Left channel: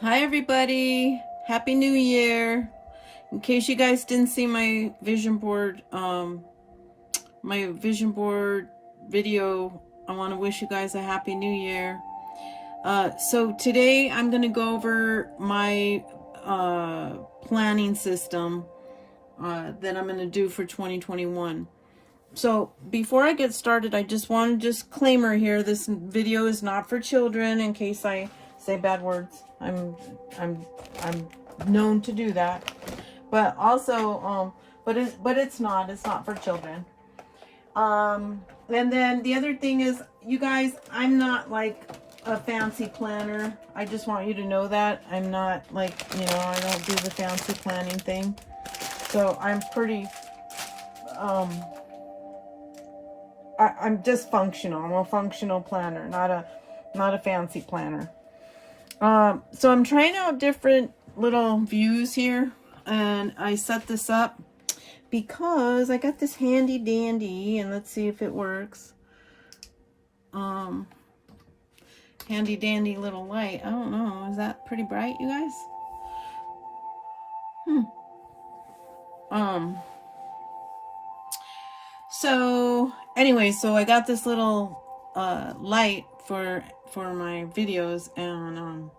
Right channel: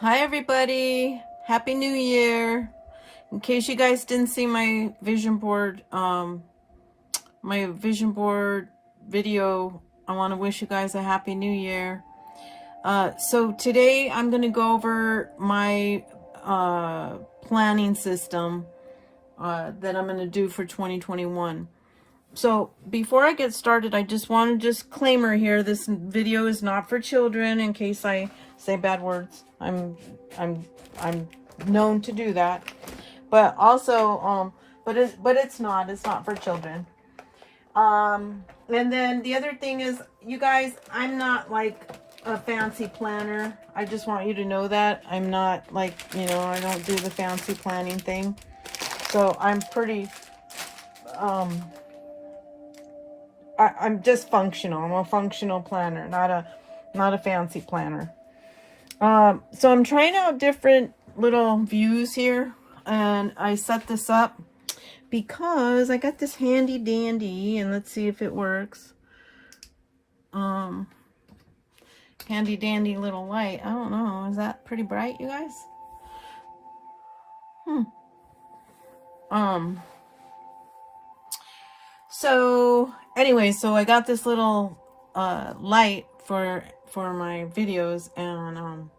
Hi everybody, Happy New Year. In case you guys didn't see my vision board video, I want to wish you guys a Happy New Year. So today I'm going to go over my planning system that I'm going to do for 2021. So before I get started, I just want to disclaimer here, this video is not for children in case I say bad words. I'm known to do that. But also but it's not for children. And then the other thing is, you guys, I'm not like a fancy planner. I just want you to know that I'm not like, I don't do the fancy planning thing. So I'm pretty I'm just functional. I'm a functional planner, not a fancy planner. So I'm trying out different little views here, and I set this up because I got this handy dandy, and let's see if it works. Handy dandy little light. I don't know. Is that pretty bright, you guys? So anyway, so I got this little light for my videos, and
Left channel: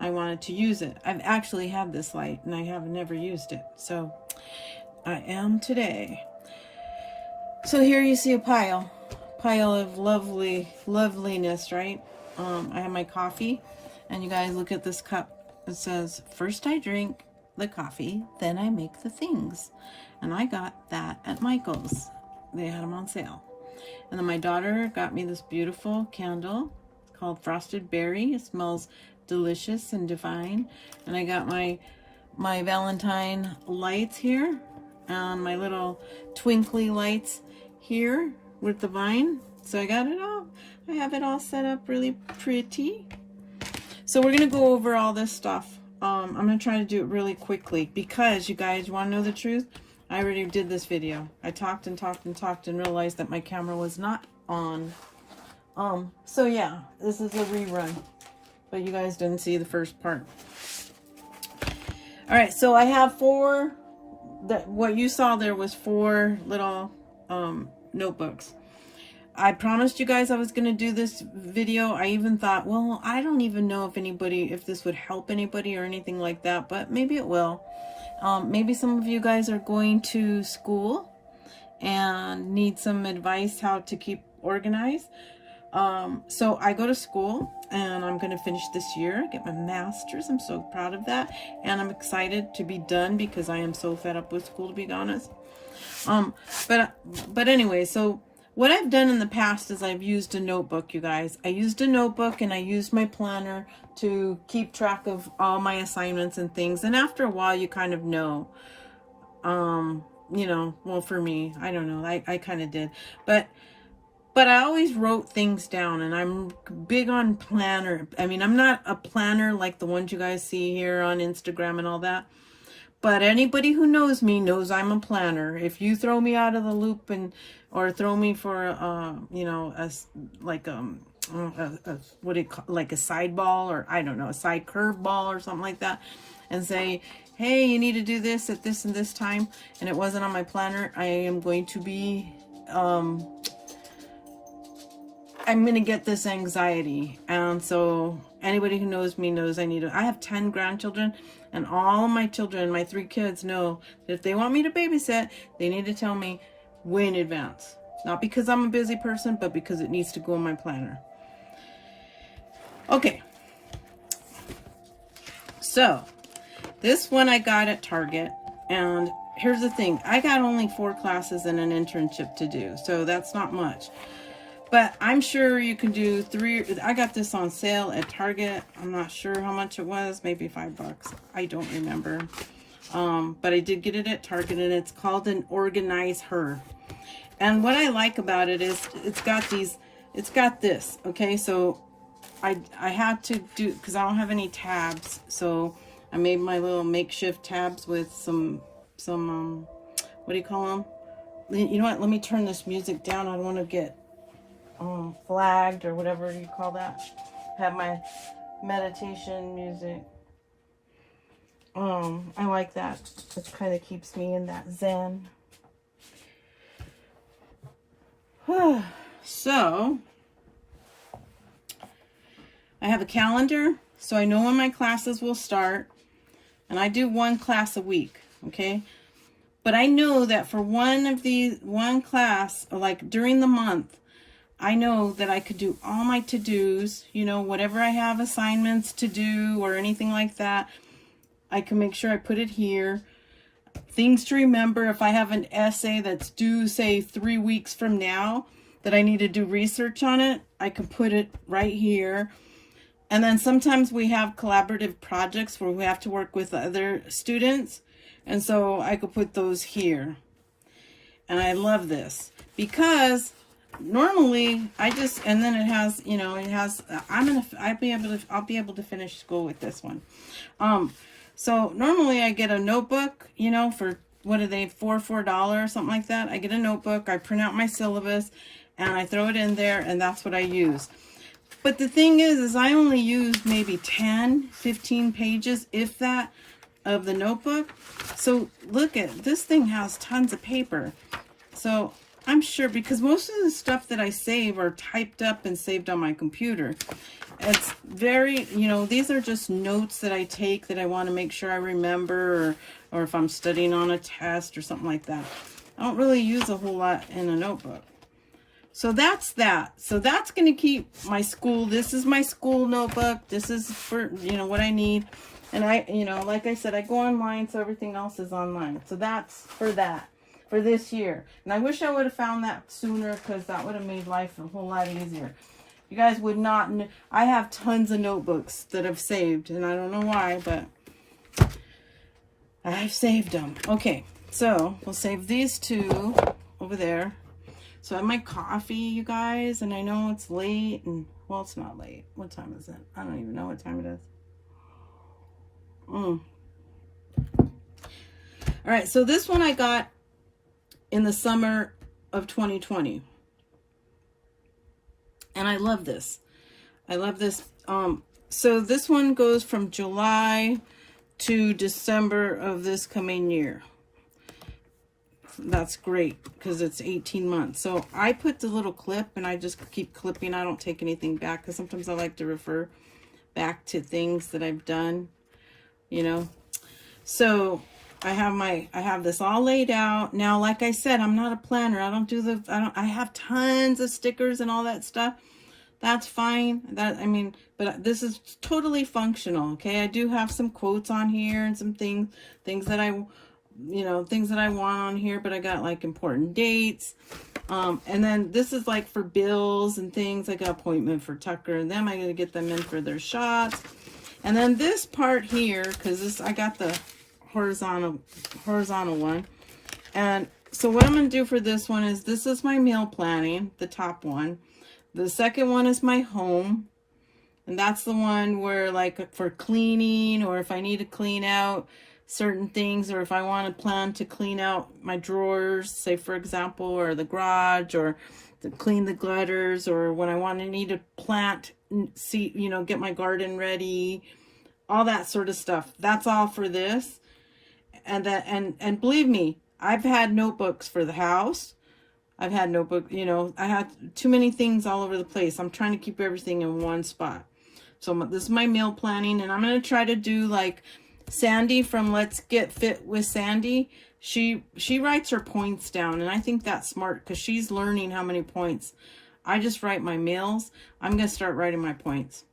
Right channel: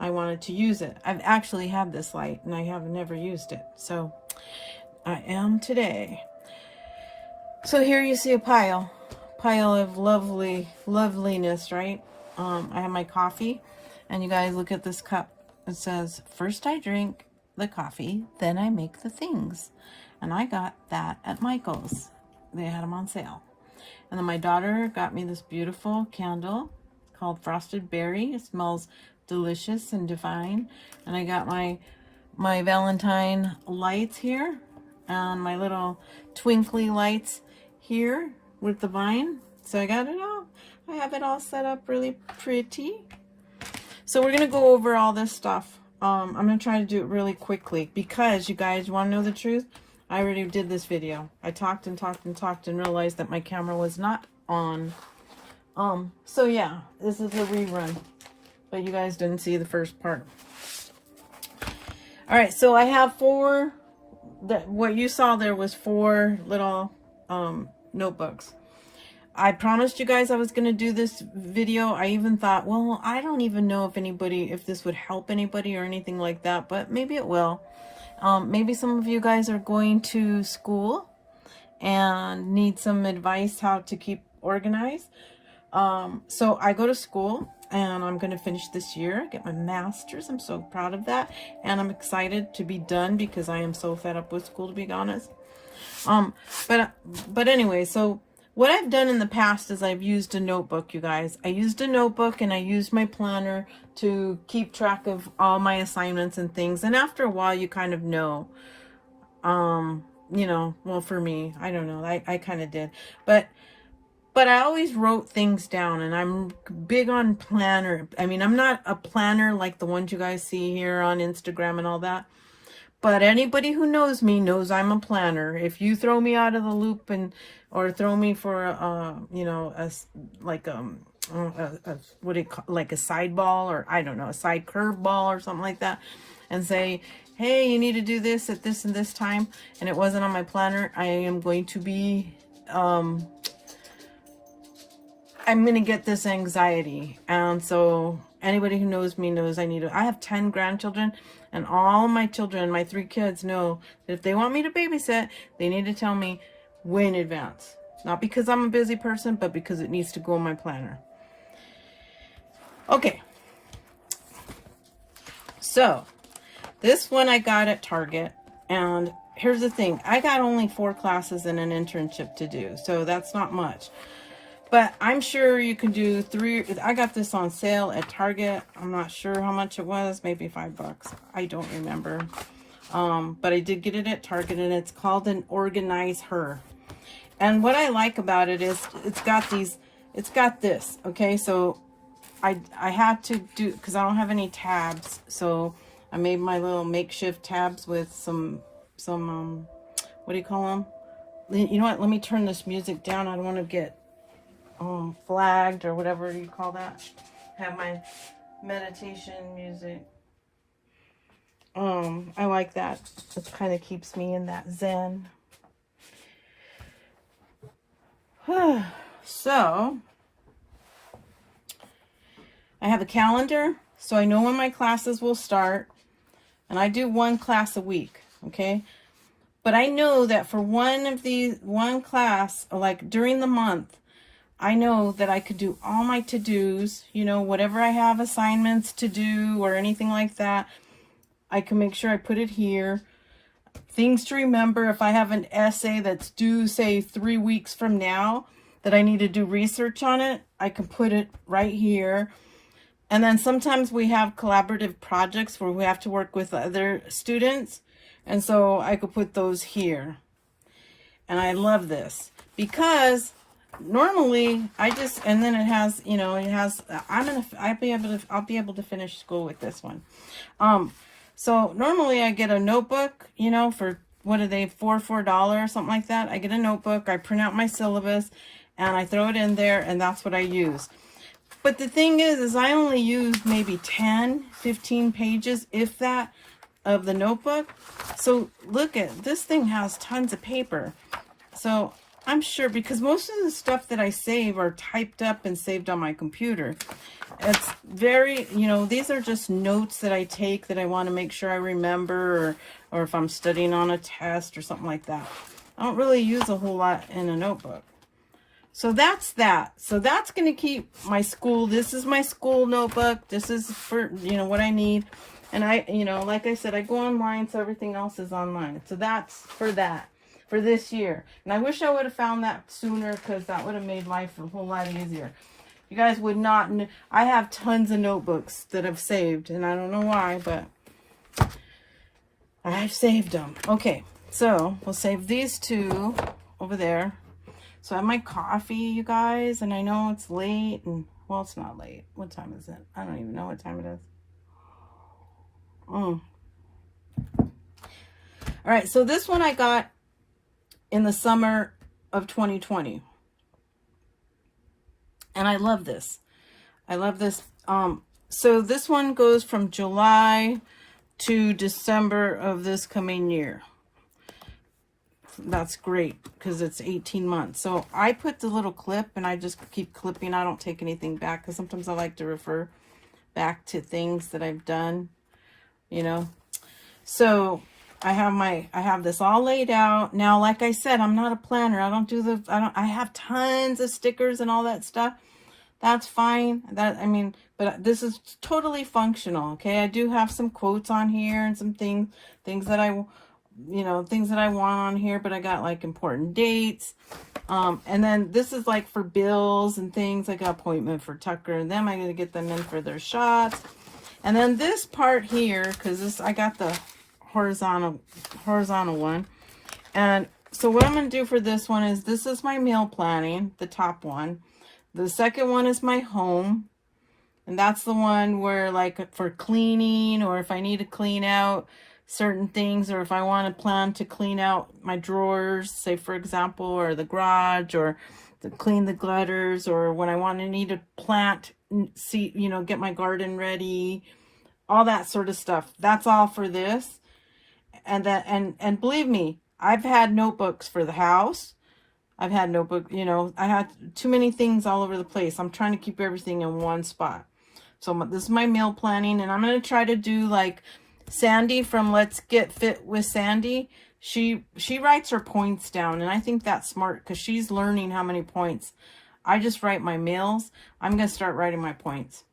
I wanted to use it. I've actually had this light and I have never used it, so I am today. So here you see a pile of loveliness, right? I have my coffee, and you guys look at this cup. It says, "First I drink the coffee, then I make the things." And I got that at Michael's. They had them on sale. And then my daughter got me this beautiful candle called Frosted Berry. It smells delicious and divine. And I got my Valentine lights here, and my little twinkly lights here with the vine. So I got it all. I have it all set up really pretty. So we're gonna go over all this stuff. I'm gonna try to do it really quickly because, you guys, want to know the truth? I already did this video. I talked and talked and talked and realized that my camera was not on. So yeah, this is a rerun, but you guys didn't see the first part. All right, so I have what you saw there was 4 little notebooks. I promised you guys I was going to do this video. I even thought, well, I don't even know if this would help anybody or anything like that, but maybe it will. Maybe some of you guys are going to school and need some advice how to keep organized. So I go to school, and I'm going to finish this year, get my master's. I'm so proud of that, and I'm excited to be done because I am so fed up with school, to be honest. But anyway, so what I've done in the past is I've used a notebook, you guys. I used a notebook, and I used my planner to keep track of all my assignments and things. And after a while, you kind of know, well, for me, I don't know, I kind of did, but I always wrote things down, and I'm big on planner. I mean, I'm not a planner like the ones you guys see here on Instagram and all that. But anybody who knows me knows I'm a planner. If you throw me out of the loop or throw me for what do you call, like a side ball, or I don't know, a side curve ball or something like that, and say, hey, you need to do this at this and this time, and it wasn't on my planner, I am going to be I'm going to get this anxiety. And so anybody who knows me knows I have 10 grandchildren, and all my children, my 3 kids, know that if they want me to babysit, they need to tell me way in advance. Not because I'm a busy person, but because it needs to go in my planner. Okay. So this one I got at Target, and here's the thing. I got only 4 classes and an internship to do, so that's not much. But I'm sure you can do 3. I got this on sale at Target. I'm not sure how much it was. Maybe $5. I don't remember. But I did get it at Target, and it's called an Organize Her. And what I like about it is it's got this. Okay, so I had to do, because I don't have any tabs. So I made my little makeshift tabs with some what do you call them? You know what? Let me turn this music down. I don't want to get flagged or whatever you call that. Have my meditation music. I like that. It kind of keeps me in that zen. So I have a calendar, so I know when my classes will start, and I do one class a week, okay? But I know that for one class, like during the month, I know that I could do all my to-dos, you know, whatever I have assignments to do or anything like that, I can make sure I put it here. Things to remember, if I have an essay that's due, say, 3 weeks from now, that I need to do research on it, I can put it right here. And then sometimes we have collaborative projects where we have to work with other students, and so I could put those here. And I love this because normally I just, and then it has, you know, it has, I'll be able to finish school with this one. So normally I get a notebook, you know, for, what are they, $4 or something like that. I get a notebook, I print out my syllabus, and I throw it in there, and that's what I use. But the thing is I only use maybe 10, 15 pages, if that, of the notebook. So look at, this thing has tons of paper. So I'm sure, because most of the stuff that I save are typed up and saved on my computer. It's very, you know, these are just notes that I take that I want to make sure I remember, or if I'm studying on a test or something like that. I don't really use a whole lot in a notebook. So that's that. So that's going to keep my school. This is my school notebook. This is for, you know, what I need. And I, you know, like I said, I go online, so everything else is online. So that's for that, for this year. And I wish I would have found that sooner, because that would have made life a whole lot easier. You guys would not, I have tons of notebooks that I've saved, and I don't know why, but I've saved them. Okay, so we'll save these two over there. So I have my coffee, you guys, and I know it's late, and, well, it's not late. What time is it? I don't even know what time it is. All right, so this one I got in the summer of 2020. And I love this. I love this. So this one goes from July to December of this coming year. That's great, because it's 18 months. So I put the little clip, and I just keep clipping. I don't take anything back, because sometimes I like to refer back to things that I've done, you know. So I have this all laid out. Now, like I said, I'm not a planner. I have tons of stickers and all that stuff. That's fine. But this is totally functional. Okay. I do have some quotes on here and some things that things that I want on here, but I got like important dates. And then this is like for bills and things. I got appointment for Tucker and them. I got to get them in for their shots. And then this part here, because I got the horizontal one. And so what I'm going to do for this one is, this is my meal planning, the top one. The second one is my home. And that's the one where, like, for cleaning, or if I need to clean out certain things, or if I want to plan to clean out my drawers, say for example, or the garage, or to clean the gutters, or when I need to plant, get my garden ready, all that sort of stuff. That's all for this. And believe me, I've had notebooks for the house. I've had I had too many things all over the place. I'm trying to keep everything in one spot. So this is my meal planning, and I'm going to try to do like Sandy from Let's Get Fit with Sandy. She writes her points down, and I think that's smart, because she's learning how many points. I just write my meals. I'm going to start writing my points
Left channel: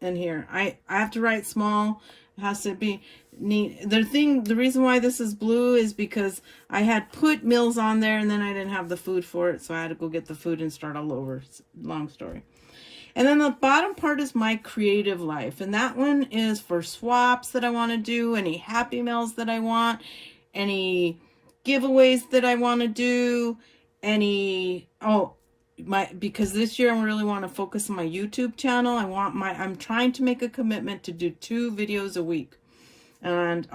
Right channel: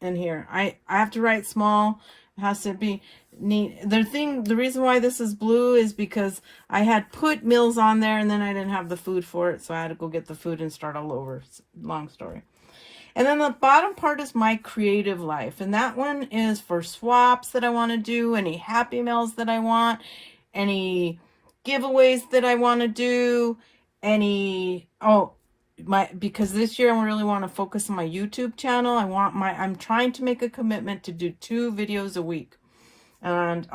in here. I have to write small. It has to be neat. The reason why this is blue is because I had put meals on there, and then I didn't have the food for it, so I had to go get the food and start all over. Long story. And then the bottom part is my creative life, and that one is for swaps that I want to do, any Happy Meals that I want, any giveaways that I want to do, because this year I really want to focus on my YouTube channel. I'm trying to make a commitment to do 2 videos a week. And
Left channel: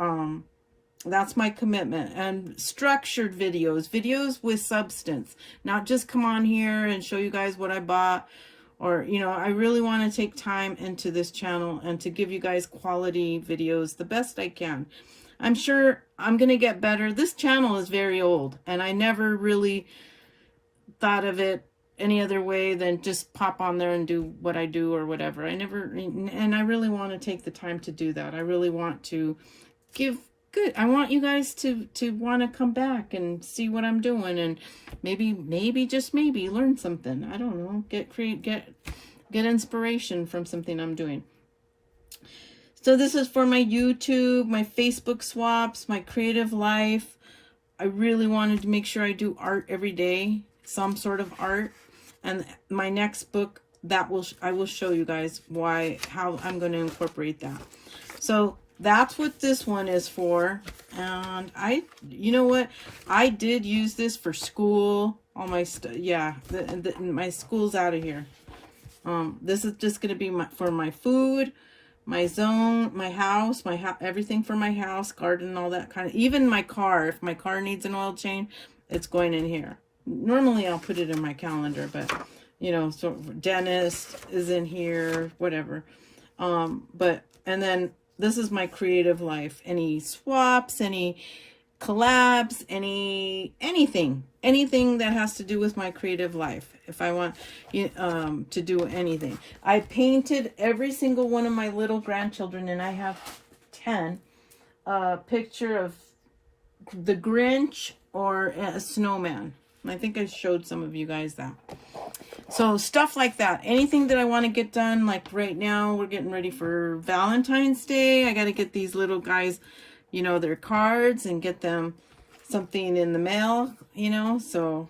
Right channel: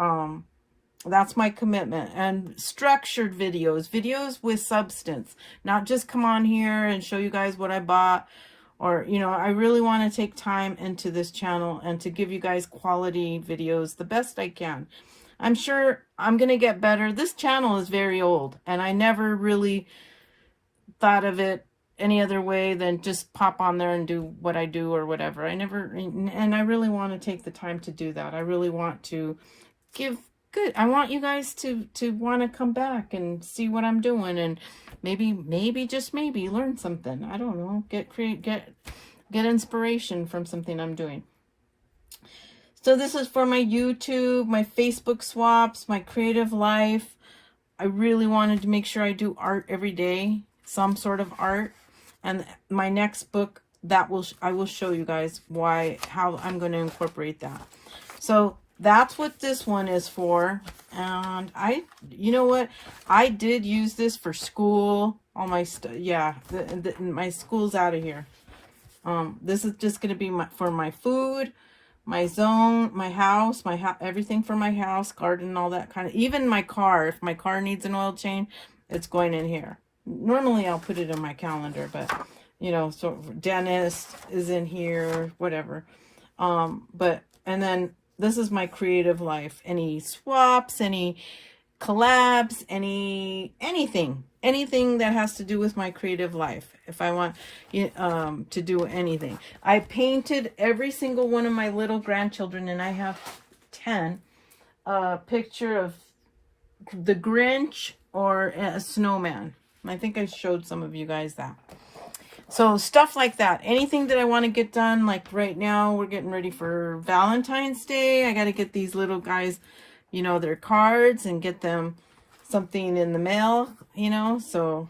that's my commitment. And structured videos with substance, not just come on here and show you guys what I bought, or, you know, I really want to take time into this channel and to give you guys quality videos the best I can. I'm sure I'm going to get better. This channel is very old, and I never really thought of it any other way than just pop on there and do what I do or whatever. I never, and I really want to take the time to do that. I really want to give good. I want you guys to want to come back and see what I'm doing, and maybe just maybe learn something. I don't know. Get inspiration from something I'm doing. So this is for my YouTube, my Facebook swaps, my creative life. I really wanted to make sure I do art every day, some sort of art. And my next book, I will show you guys how I'm going to incorporate that. So that's what this one is for. And you know what? I did use this for school. All my stuff, yeah, my school's out of here. This is just going to be for my food, my zone, my house, everything for my house, garden, all that kind of, even my car. If my car needs an oil change, it's going in here. Normally I'll put it in my calendar, but you know, so dentist is in here, whatever. And then this is my creative life. Any swaps, any collabs, anything that has to do with my creative life. If I want to do anything. I painted every single one of my little grandchildren, and I have 10. A picture of the Grinch or a snowman. I think I showed some of you guys that. So stuff like that. Anything that I want to get done. Like right now, we're getting ready for Valentine's Day. I got to get these little guys, you know, their cards and get them something in the mail, you know. So,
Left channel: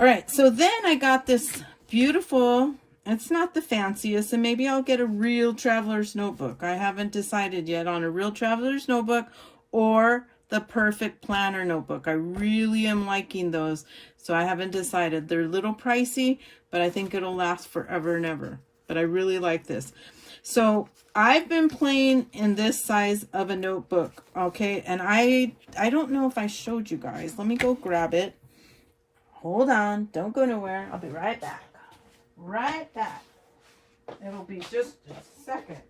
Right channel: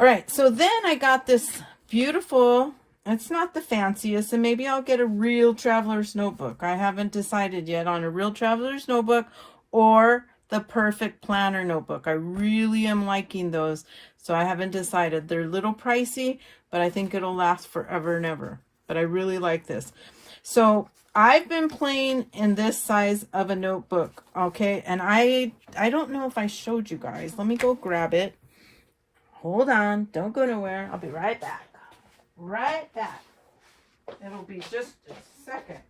all right. So then I got this beautiful, it's not the fanciest, and maybe I'll get a real traveler's notebook. I haven't decided yet on a real traveler's notebook or the perfect planner notebook. I really am liking those. So I haven't decided. They're a little pricey, but I think it'll last forever and ever. But I really like this. So I've been playing in this size of a notebook, okay? And I don't know if I showed you guys. Let me go grab it. Hold on. Don't go nowhere. I'll be right back. Right back. It'll be just a second.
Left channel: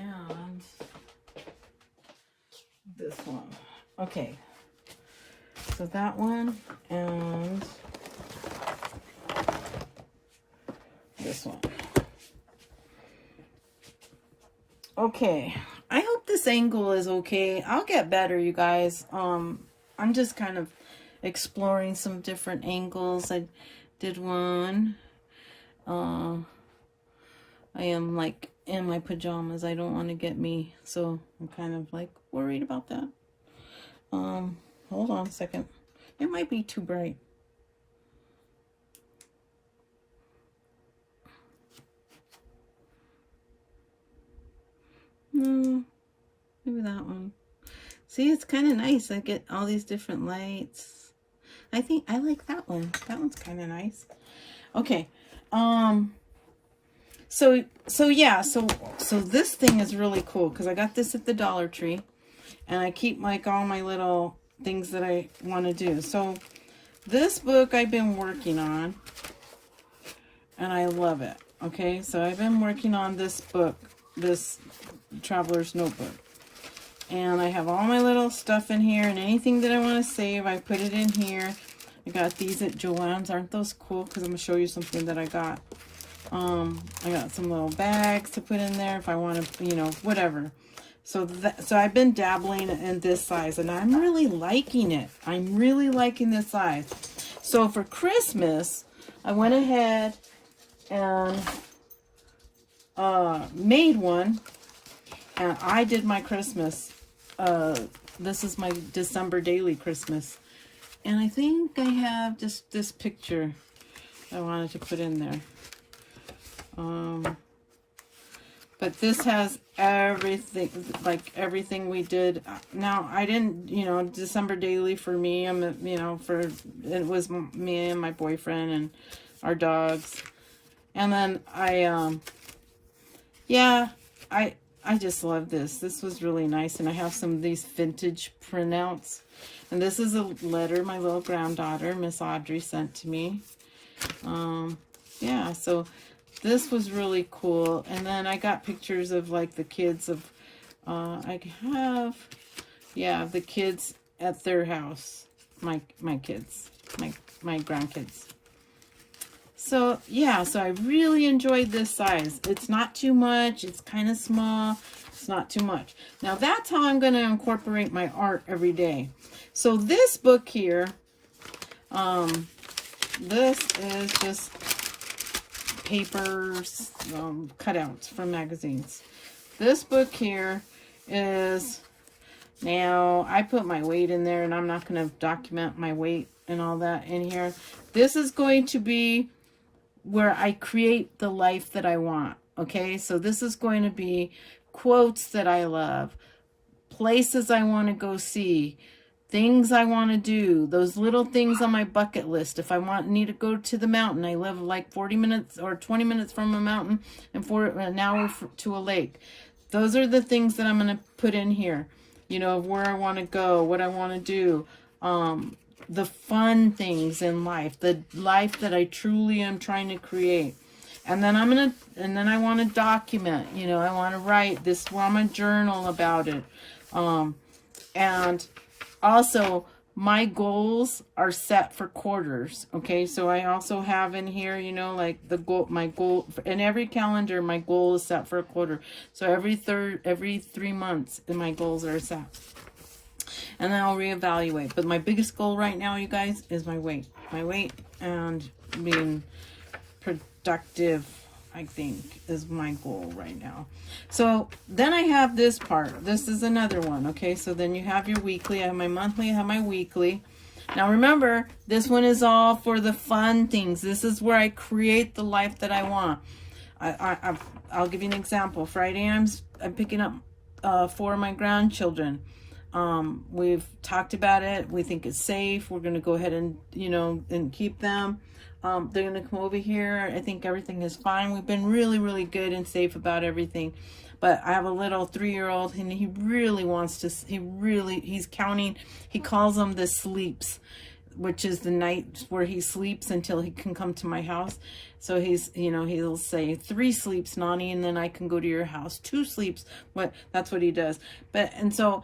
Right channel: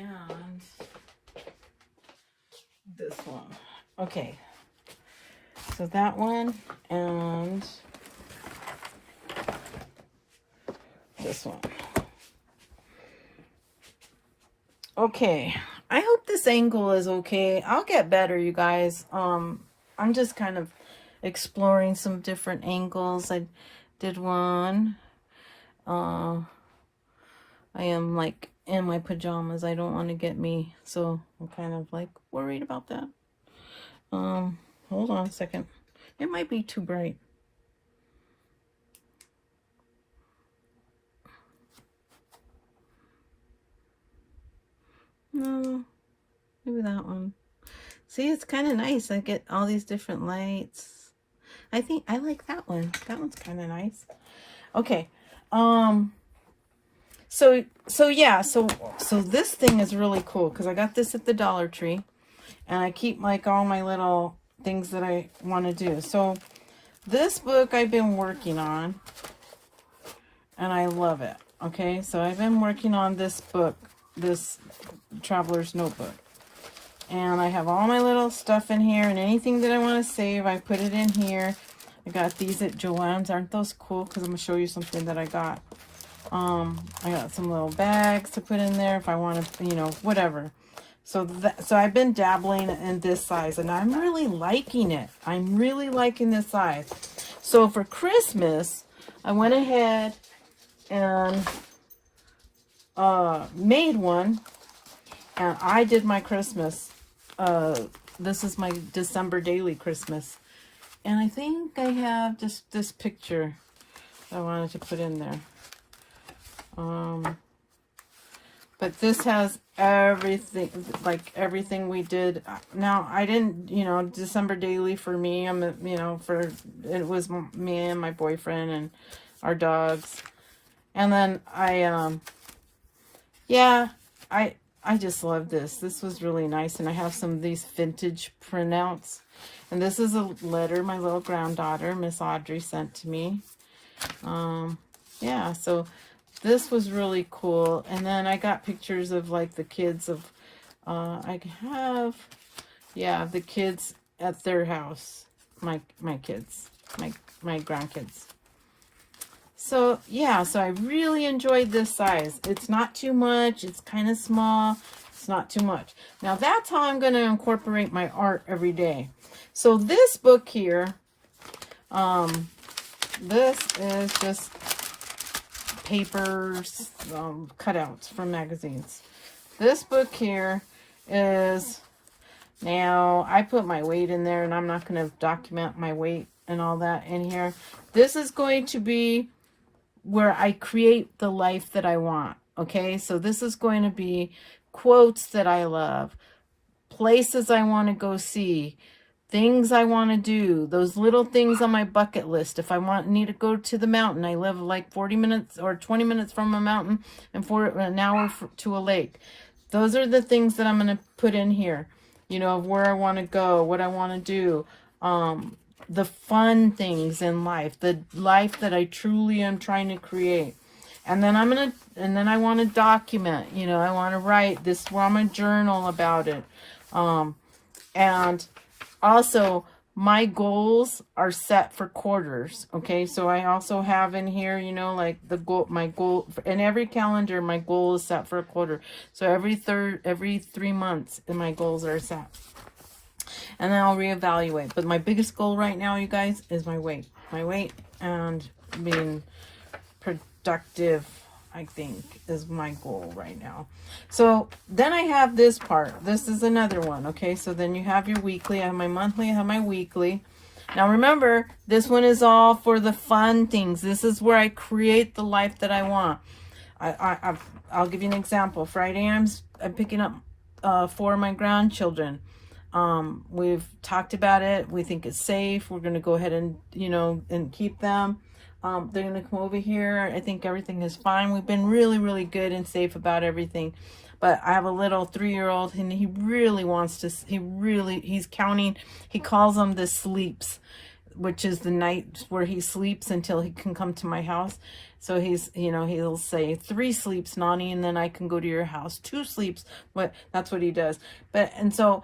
And this one. Okay. So that one and this one. Okay. I hope this angle is okay. I'll get better, you guys. I'm just kind of exploring some different angles. I did one. I am like in my pajamas. I don't want to get me, so I'm kind of like worried about that. Hold on a second. It might be too bright. No, maybe that one. See, it's kind of nice. I get all these different lights. I think I like that one. That one's kind of nice. Okay. So this thing is really cool because I got this at the Dollar Tree, and I keep like all my little things that I want to do. So this book I've been working on, and I love it. Okay, so I've been working on this book, this Traveler's Notebook, and I have all my little stuff in here, and anything that I want to save, I put it in here. I got these at Joann's. Aren't those cool? Because I'm going to show you something that I got. I got some little bags to put in there if I want to, you know, whatever. So I've been dabbling in this size, and I'm really liking it. I'm really liking this size. So for Christmas, I went ahead and made one, and I did my Christmas. This is my December daily Christmas, and I think I have just this picture I wanted to put in there. But this has everything, like everything we did. Now, I didn't, you know, December daily for me, it was me and my boyfriend and our dogs. And then yeah, I just love this. This was really nice. And I have some of these vintage printouts. And this is a letter my little granddaughter, Miss Audrey, sent to me. Yeah, so this was really cool. And then I got pictures of like the kids of, I have, yeah, the kids at their house. My kids, my grandkids. So yeah, so I really enjoyed this size. It's not too much. It's kind of small. It's not too much. Now that's how I'm going to incorporate my art every day. So this book here, this is just papers, cutouts from magazines. This book here is, now I put my weight in there and I'm not going to document my weight and all that in here. This is going to be where I create the life that I want. Okay, so this is going to be quotes that I love, places I want to go see, things I want to do, those little things on my bucket list. If I need to go to the mountain, I live like 40 minutes or 20 minutes from a mountain and for an hour to a lake. Those are the things that I'm going to put in here, you know, of where I want to go, what I want to do, the fun things in life, the life that I truly am trying to create. And then I want to document, you know, I want to write this, where I'm going to journal about it. And also my goals are set for quarters. Okay. So I also have in here, you know, like my goal in every calendar, my goal is set for a quarter. So every 3 months my goals are set. And then I'll reevaluate. But my biggest goal right now, you guys, is my weight. My weight and being productive, I think, is my goal right now. So then I have this part. This is another one, okay? So then you have your weekly. I have my monthly. I have my weekly. Now remember, this one is all for the fun things. This is where I create the life that I want. I'll give you an example. Friday, I'm picking up 4 of my grandchildren. We've talked about it. We think it's safe. We're going to go ahead and, you know, and keep them. They're going to come over here. I think everything is fine. We've been really, really good and safe about everything. But I have a little 3-year-old and he really wants to, he's counting. He calls them the sleeps, which is the night where he sleeps until he can come to my house. So he's, you know, he'll say 3 sleeps, Nani, and then I can go to your house. 2 sleeps. But that's what he does. And so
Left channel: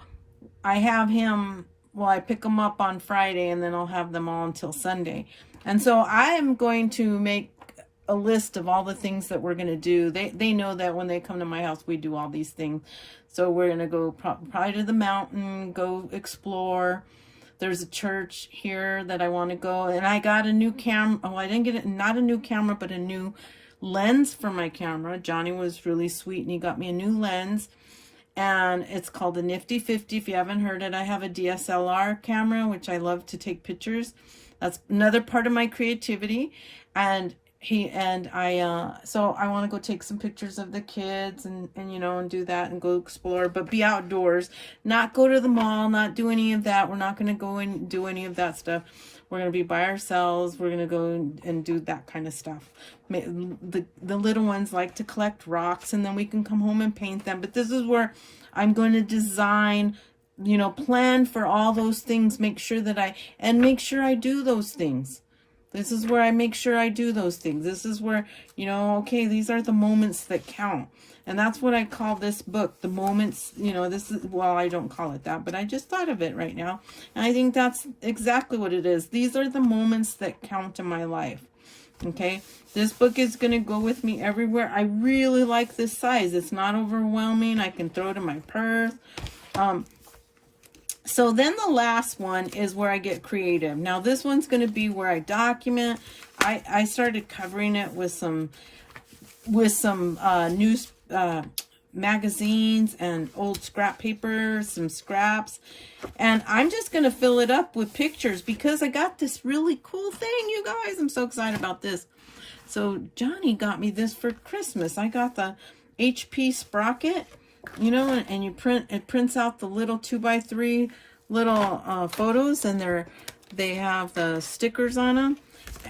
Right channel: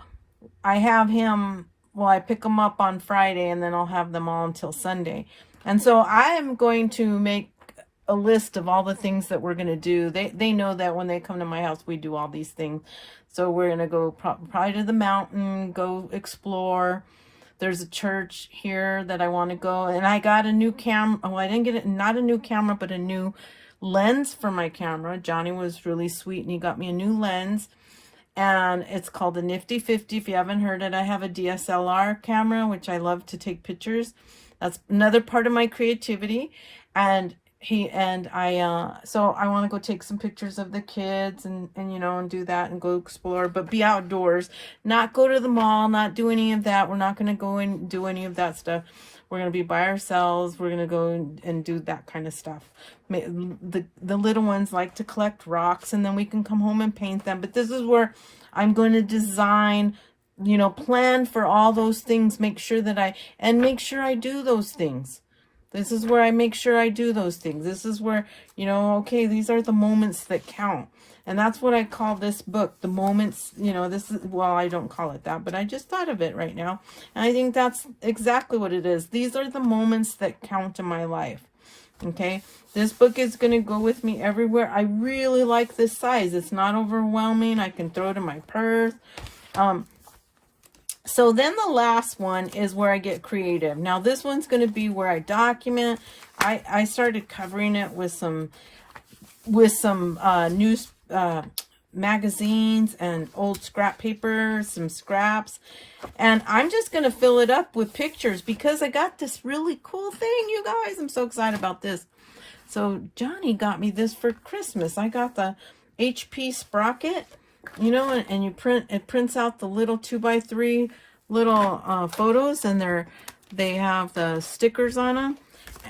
I have him, well, I pick them up on Friday and then I'll have them all until Sunday. And so I am going to make a list of all the things that we're going to do. They know that when they come to my house, we do all these things. So we're going to go probably to the mountain, go explore. There's a church here that I want to go. And I got a new camera. Oh, I didn't get it. Not a new camera, but a new lens for my camera. Johnny was really sweet and he got me a new lens. And it's called the Nifty 50. If you haven't heard it, I have a DSLR camera, which I love to take pictures. That's another part of my creativity. And so I want to go take some pictures of the kids and you know, and do that and go explore, but be outdoors, not go to the mall, not do any of that. We're not going to go and do any of that stuff. We're going to be by ourselves. We're going to go and do that kind of stuff. The little ones like to collect rocks and then we can come home and paint them. But this is where I'm going to design, you know, plan for all those things, make sure I do those things. This is where I make sure I do those things. This is where, you know, okay, these are the moments that count. And that's what I call this book, the moments, you know, this is, well, I don't call it that, but I just thought of it right now. And I think that's exactly what it is. These are the moments that count in my life. Okay. This book is going to go with me everywhere. I really like this size. It's not overwhelming. I can throw it in my purse. So then the last one is where I get creative. Now this one's going to be where I document. I started covering it with some news magazines and old scrap paper, some scraps, and I'm just going to fill it up with pictures because I got this really cool thing, you guys. I'm so excited about this. So Johnny got me this for Christmas. I got the HP Sprocket, you know, and it prints out the little 2x3 little photos, and they have the stickers on them,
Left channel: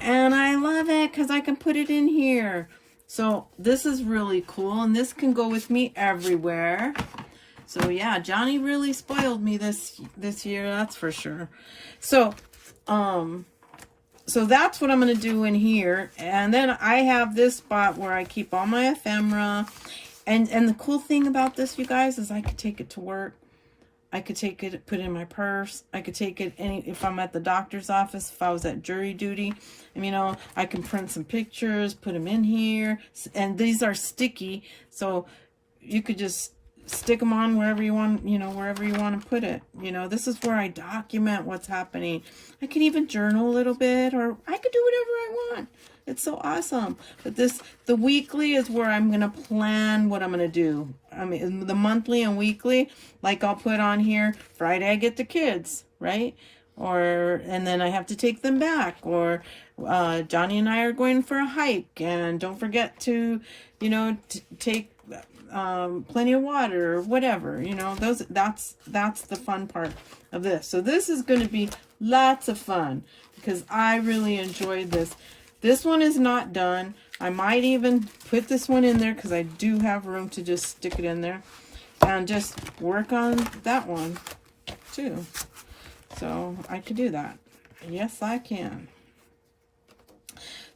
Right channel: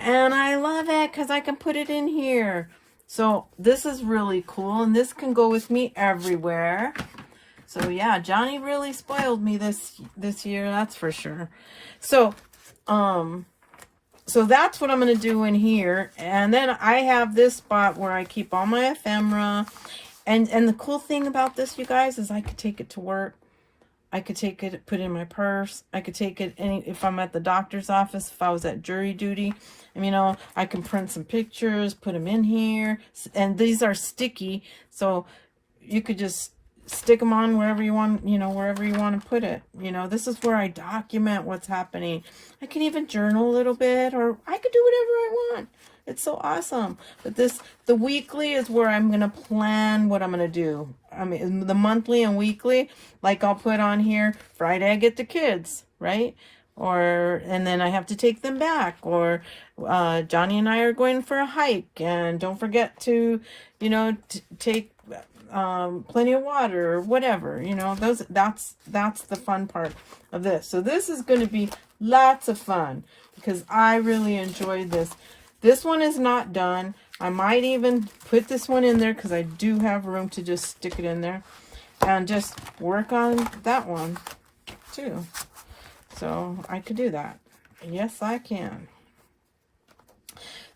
and I love it because I can put it in here. So this is really cool, and this can go with me everywhere. So yeah, Johnny really spoiled me this year, that's for sure. So so that's what I'm going to do in here. And then I have this spot where I keep all my ephemera. And the cool thing about this, you guys, is I could take it to work. I could take it, put it in my purse. I could take it if I'm at the doctor's office, if I was at jury duty. And, you know, I can print some pictures, put them in here. And these are sticky, so you could just stick them on wherever you want, you know, wherever you want to put it. You know, this is where I document what's happening. I can even journal a little bit, or I could do whatever I want. It's so awesome. But the weekly is where I'm going to plan what I'm going to do. I mean, the monthly and weekly, like I'll put on here, Friday I get the kids, right? And then I have to take them back. Or Johnny and I are going for a hike. And don't forget to, you know, take plenty of water or whatever. You know, that's the fun part of this. So this is going to be lots of fun because I really enjoyed this. This one is not done. I might even put this one in there because I do have room to just stick it in there and just work on that one too. So I could do that. Yes, I can.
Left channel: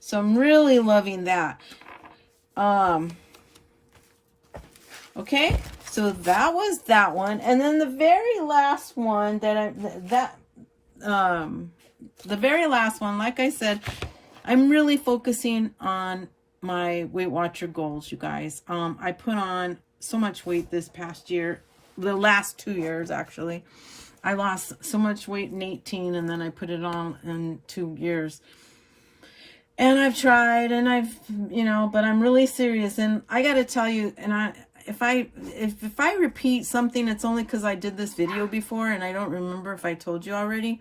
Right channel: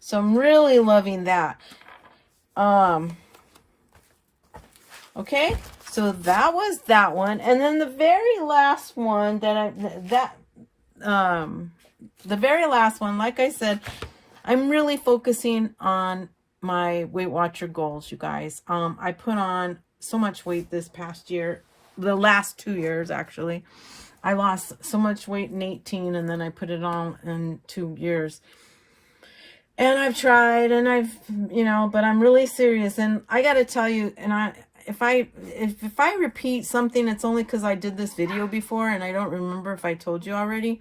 So I'm really loving that. Okay, so that was that one. And then the very last one the very last one, like I said, I'm really focusing on my Weight Watcher goals, you guys. I put on so much weight this past year, the last 2 years actually. I lost so much weight in 18, and then I put it on in 2 years. And I've tried, and you know, but I'm really serious. And I got to tell you, and if I repeat something, it's only because I did this video before, and I don't remember if I told you already.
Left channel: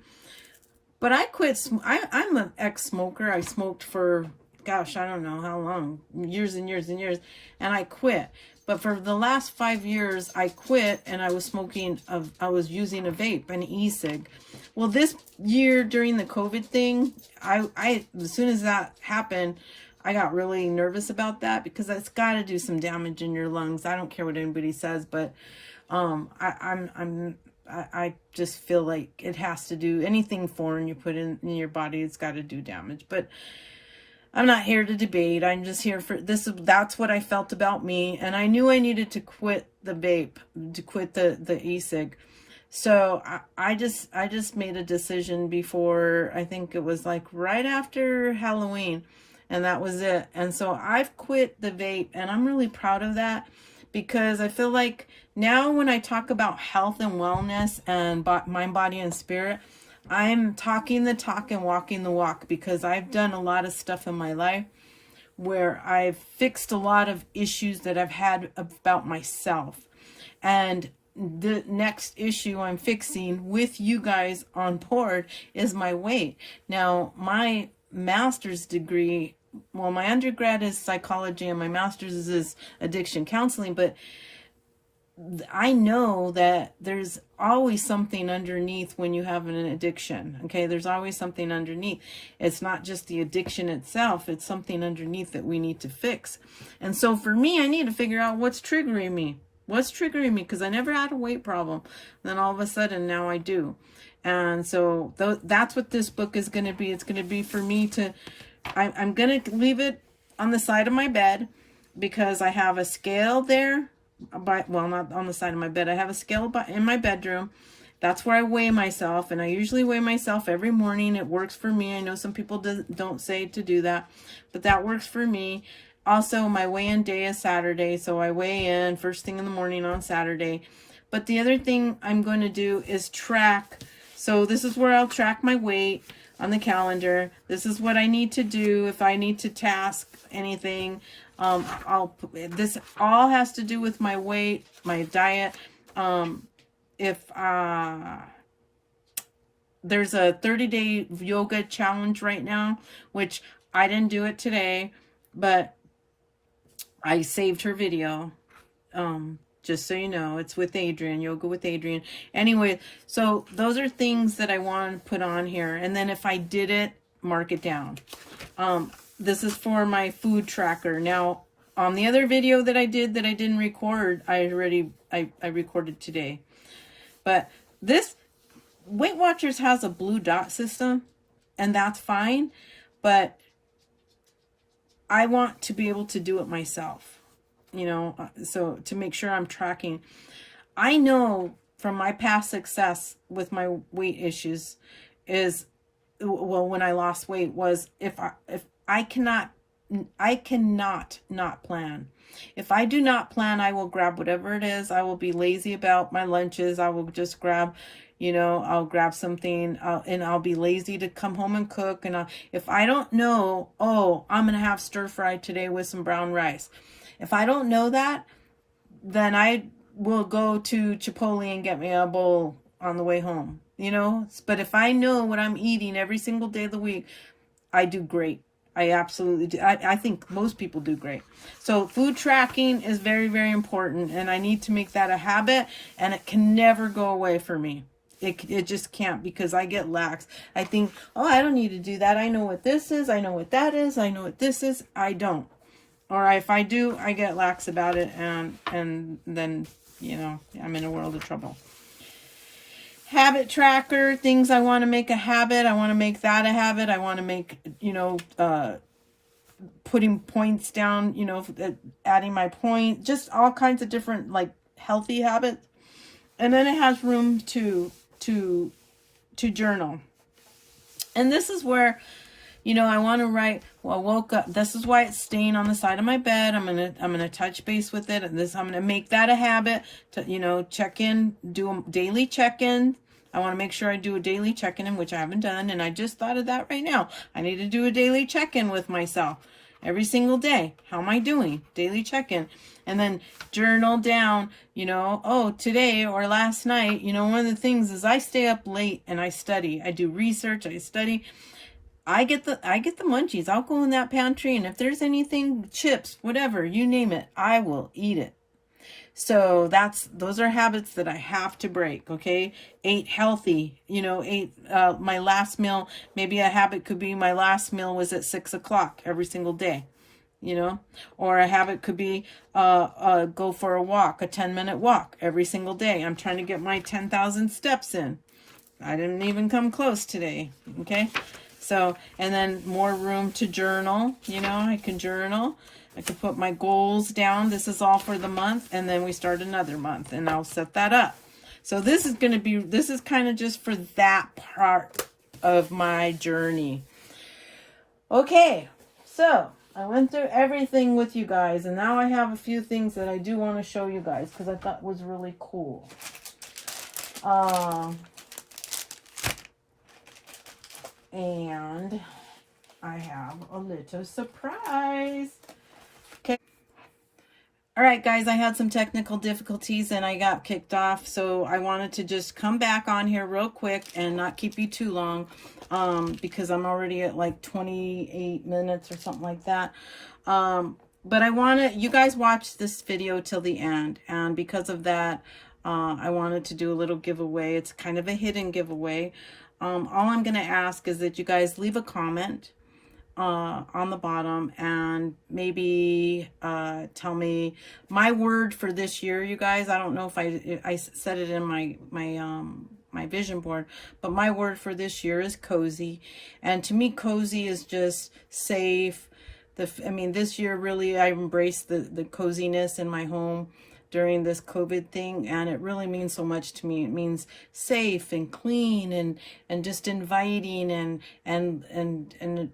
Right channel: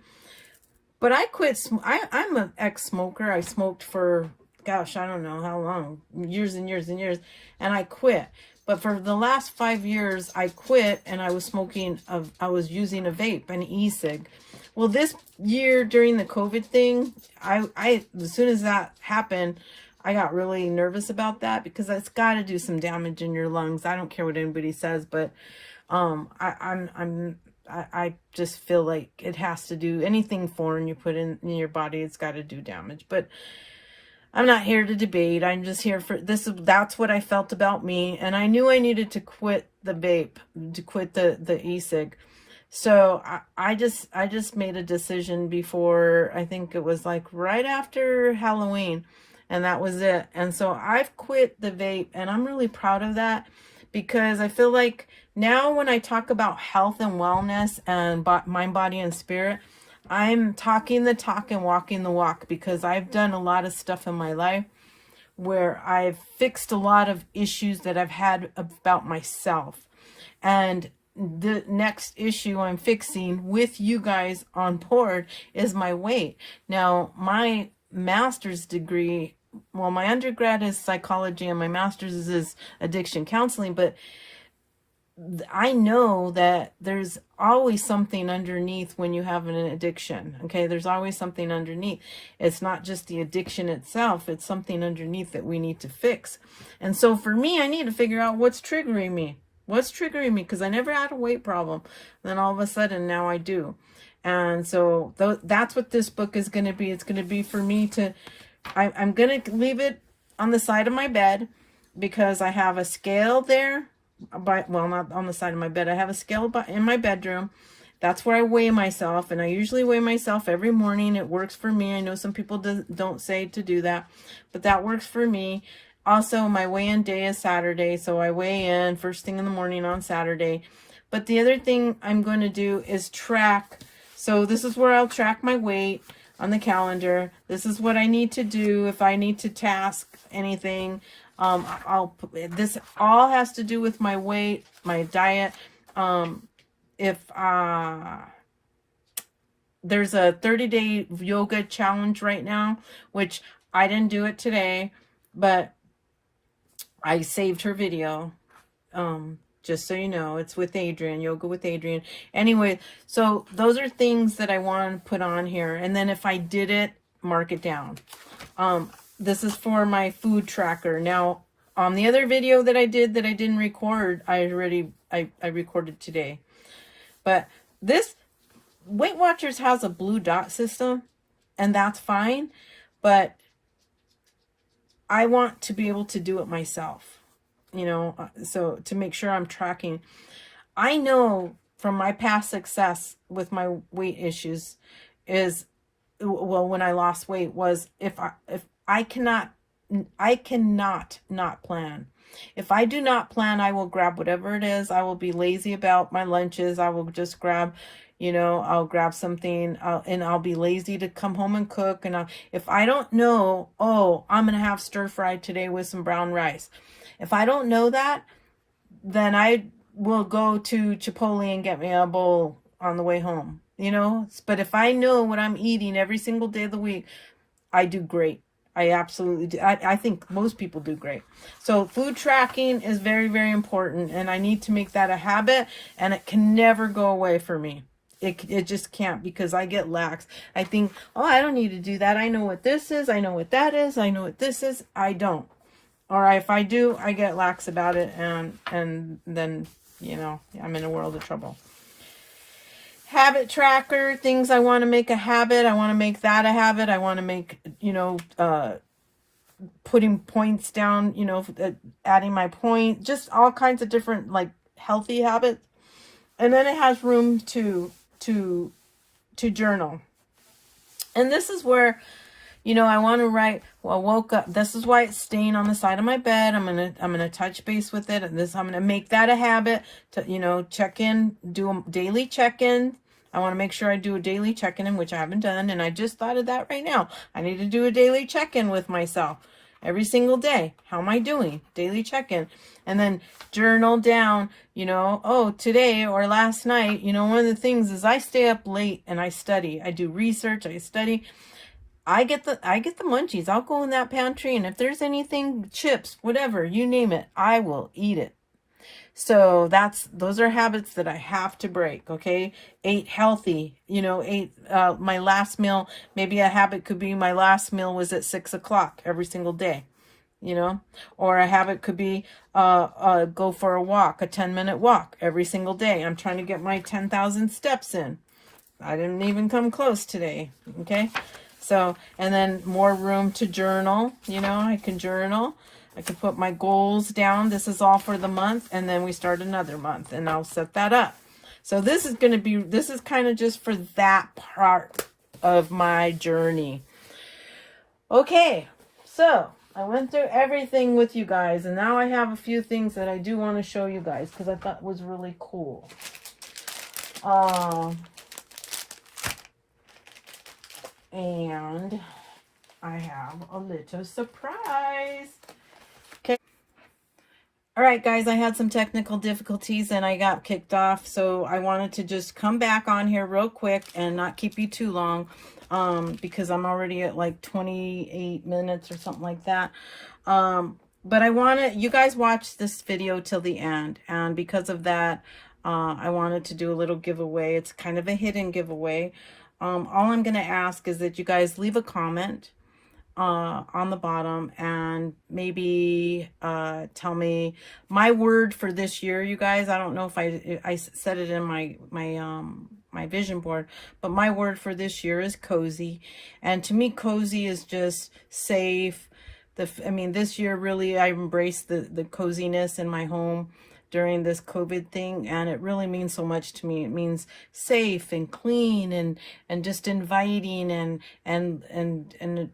But I quit. I'm an ex-smoker. I smoked for, gosh, I don't know how long, years and years and years, and I quit. But for the last 5 years, I quit, and I was smoking. I was using a vape, an e-cig. Well, this year during the COVID thing, I as soon as that happened, I got really nervous about that because that's got to do some damage in your lungs. I don't care what anybody says, but I just feel like it has to do anything foreign you put in your body. It's got to do damage. But I'm not here to debate. I'm just here for this. That's what I felt about me, and I knew I needed to quit the vape, to quit the e-cig. So I just made a decision before. I think it was like right after Halloween, and that was it. And so I've quit the vape, and I'm really proud of that because I feel like now when I talk about health and wellness and mind, body, and spirit, I'm talking the talk and walking the walk because I've done a lot of stuff in my life where I've fixed a lot of issues that I've had about myself. And the next issue I'm fixing with you guys on board is my weight. Now, my master's degree, well, my undergrad is psychology and my master's is addiction counseling, but I know that there's always something underneath when you have an addiction. Okay, there's always something underneath. It's not just the addiction itself, it's something underneath that we need to fix. And so for me, I need to figure out what's triggering me. What's triggering me? Because I never had a weight problem. Then all of a sudden now I do. And so that's what this book is going to be. It's going to be for me to, I'm going to leave it on the side of my bed because I have a scale there. Well, not on the side of my bed. I have a scale in my bedroom. That's where I weigh myself, and I usually weigh myself every morning. It works for me. I know some people don't say to do that, but that works for me. Also, my weigh-in day is Saturday, so I weigh in first thing in the morning on Saturday. But the other thing I'm going to do is track. So this is where I'll track my weight on the calendar. This is what I need to do if I need to task anything. This all has to do with my weight, my diet. If there's a 30-day yoga challenge right now, which I didn't do it today, but I saved her video. Just so you know, it's with Adriene, Yoga with Adriene. Anyway, so those are things that I want to put on here. And then if I did it, mark it down. This is for my food tracker. Now, on the other video that I did that I didn't record, I recorded today. But this Weight Watchers has a blue dot system, and that's fine, but I want to be able to do it myself, you know, so to make sure I'm tracking. I know from my past success with my weight issues is, well, when I lost weight, was if I cannot not plan. If I do not plan, I will grab whatever it is. I will be lazy about my lunches. I will just grab, you know, I'll grab something, and I'll be lazy to come home and cook. And if I don't know, oh, I'm going to have stir fry today with some brown rice. If I don't know that, then I will go to Chipotle and get me a bowl on the way home, you know. But if I know what I'm eating every single day of the week, I do great. I absolutely do. I think most people do great. So food tracking is very, very important, and I need to make that a habit, and it can never go away for me. It just can't, because I get lax. I think, oh, I don't need to do that. I know what this is. I know what that is. I know what this is. I don't. Or if I do, I get lax about it, and then, you know, I'm in a world of trouble. Habit tracker, things I want to make a habit. I want to make that a habit. I want to make, you know, putting points down, you know, adding my point, just all kinds of different, like, healthy habits. And then it has room to journal. And this is where, you know, I want to write, well, I woke up, this is why it's staying on the side of my bed. I'm going to touch base with it. And I'm going to make that a habit to, you know, check in, do a daily check-in. I want to make sure I do a daily check-in, which I haven't done. And I just thought of that right now. I need to do a daily check-in with myself every single day. How am I doing? Daily check-in. And then journal down, you know, oh, today or last night, you know, one of the things is I stay up late and I study. I do research, I study. I get the munchies. I'll go in that pantry, and if there's anything, chips, whatever, you name it, I will eat it. So those are habits that I have to break. Okay, ate healthy. You know, my last meal. Maybe a habit could be my last meal was at 6 o'clock every single day. You know, or a habit could be go for a walk, a 10-minute walk every single day. I'm trying to get my 10,000 steps in. I didn't even come close today. Okay. So, and then more room to journal, you know, I can journal. I can put my goals down. This is all for the month. And then we start another month, and I'll set that up. So this is kind of just for that part of my journey. Okay. So I went through everything with you guys, and now I have a few things that I do want to show you guys because I thought was really cool. And I have a little surprise. Okay. All right, guys, I had some technical difficulties and I got kicked off. So I wanted to just come back on here real quick and not keep you too long, because I'm already at like 28 minutes or something like that. But I want you guys watch this video till the end. And because of that, I wanted to do a little giveaway. It's kind of a hidden giveaway. All I'm going to ask is that you guys leave a comment on the bottom and maybe tell me my word for this year, you guys. I don't know if I said it in my vision board, but my word for this year is cozy. And to me, cozy is just safe. This year really I embraced the coziness in my home during this COVID thing, and it really means so much to me. It means safe and clean and just inviting, and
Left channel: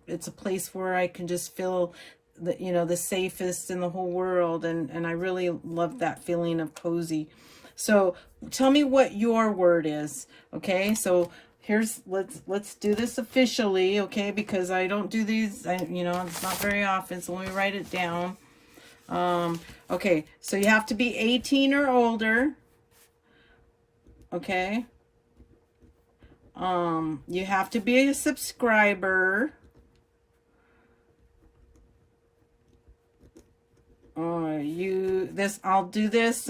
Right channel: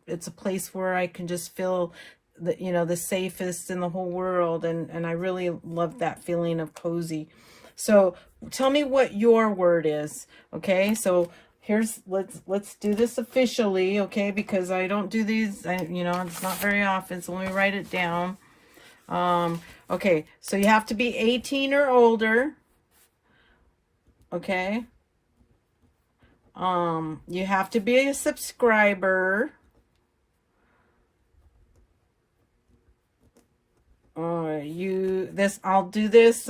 it's a place where I can just feel the safest in the whole world, and I really love that feeling of cozy. So tell me what your word is. Okay, so let's do this officially, okay, because I don't do these, it's not very often, so let me write it down. Okay, so you have to be 18 or older. Okay. You have to be a subscriber. I'll do this,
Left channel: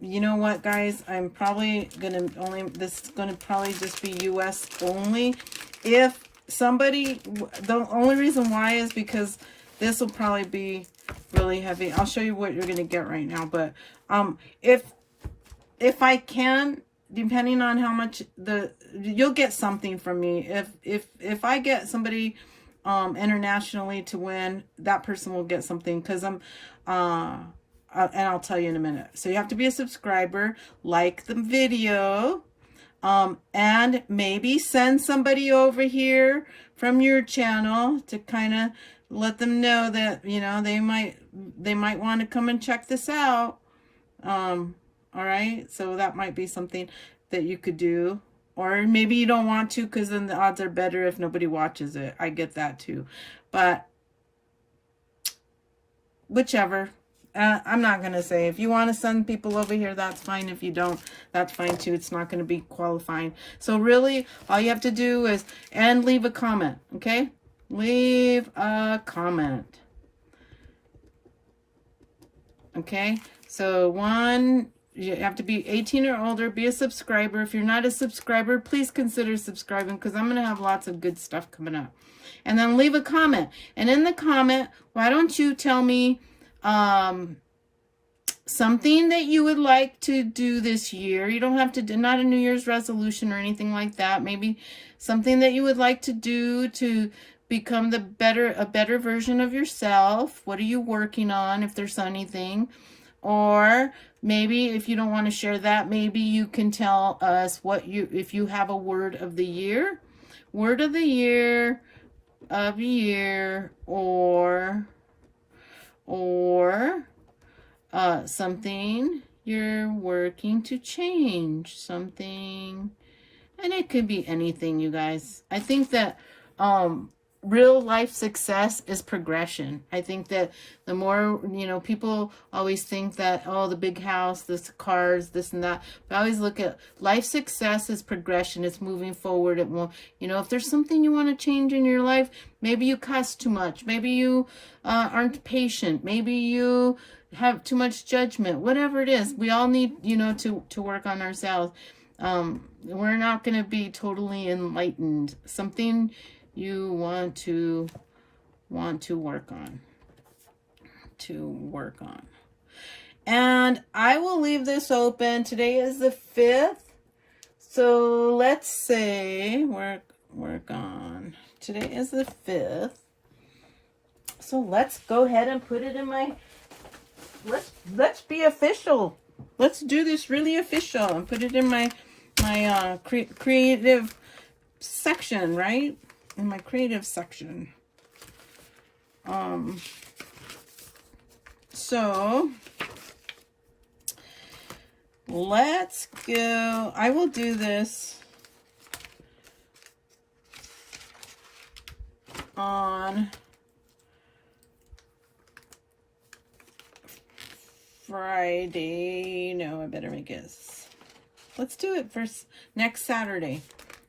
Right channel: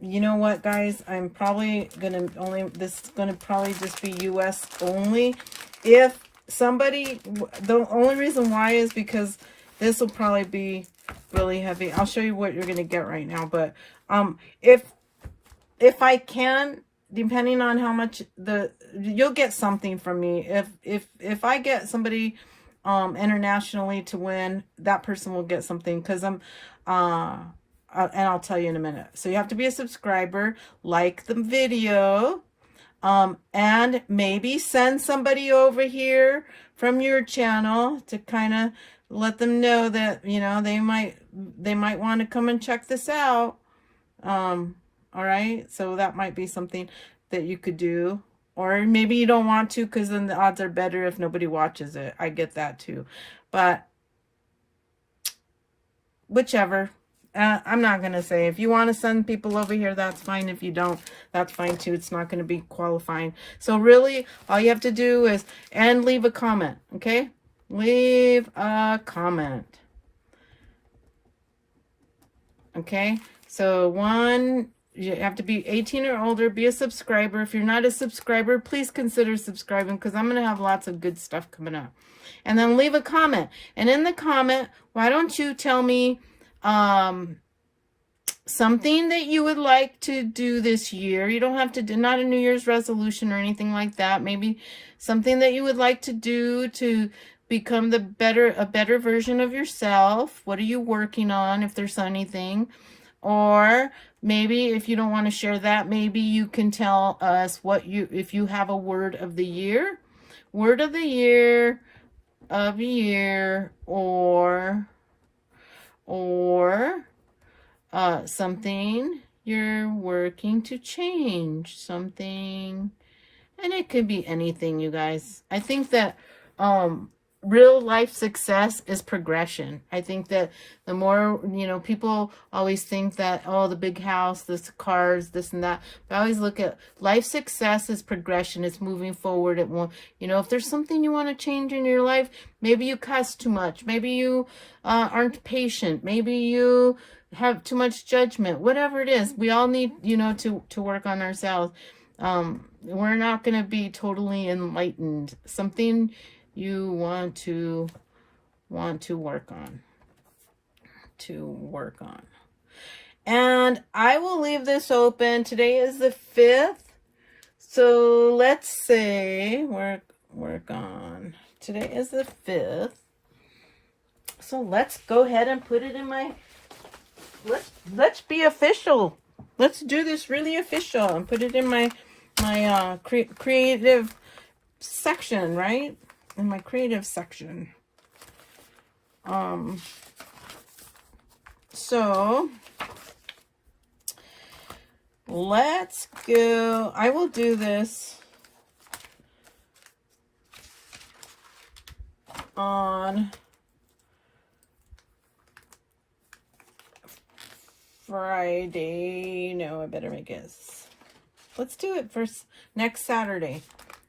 you know what, guys, I'm probably this is gonna probably just be US only. If somebody, the only reason why is because This will probably be really heavy. I'll show you what you're going to get right now. But if I can, depending on how much you'll get something from me. If I get somebody internationally to win, that person will get something, because I'm and I'll tell you in a minute. So you have to be a subscriber, like the video, and maybe send somebody over here from your channel to kind of let them know that, you know, they might want to come and check this out. All right, so that might be something that you could do. Or maybe you don't want to, because then the odds are better if nobody watches it. I get that too. But whichever. I'm not going to say. If you want to send people over here, that's fine. If you don't, that's fine too. It's not going to be qualifying. So really, all you have to do is, and leave a comment, okay? Leave a comment. Okay? So one, you have to be 18 or older, be a subscriber. If you're not a subscriber, please consider subscribing, because I'm going to have lots of good stuff coming up. And then leave a comment. And in the comment, why don't you tell me something that you would like to do this year. You don't have to do, not a New Year's resolution or anything like that. Maybe something that you would like to do to become a better version of yourself. What are you working on, if there's anything? Or maybe if you don't want to share that, maybe you can tell us if you have a word of the year, or something you're working to change, something, and it could be anything, you guys. I think that real life success is progression. I think that the more, you know, people always think that, oh, the big house, this cars, this and that. But I always look at life success as progression. It's moving forward. It won't, you know, if there's something you want to change in your life, maybe you cuss too much. Maybe you aren't patient. Maybe you have too much judgment. Whatever it is, we all need, you know, to work on ourselves. We're not going to be totally enlightened. Something you want to work on. And I will leave this open. Today is the 5th. So let's say work on. Today is the 5th. So let's go ahead and put it in my, let's be official. Let's do this really official and put it in my creative section, right? In my creative section. So let's go. I will do this on Friday. No, I better make it. Let's do it first next Saturday.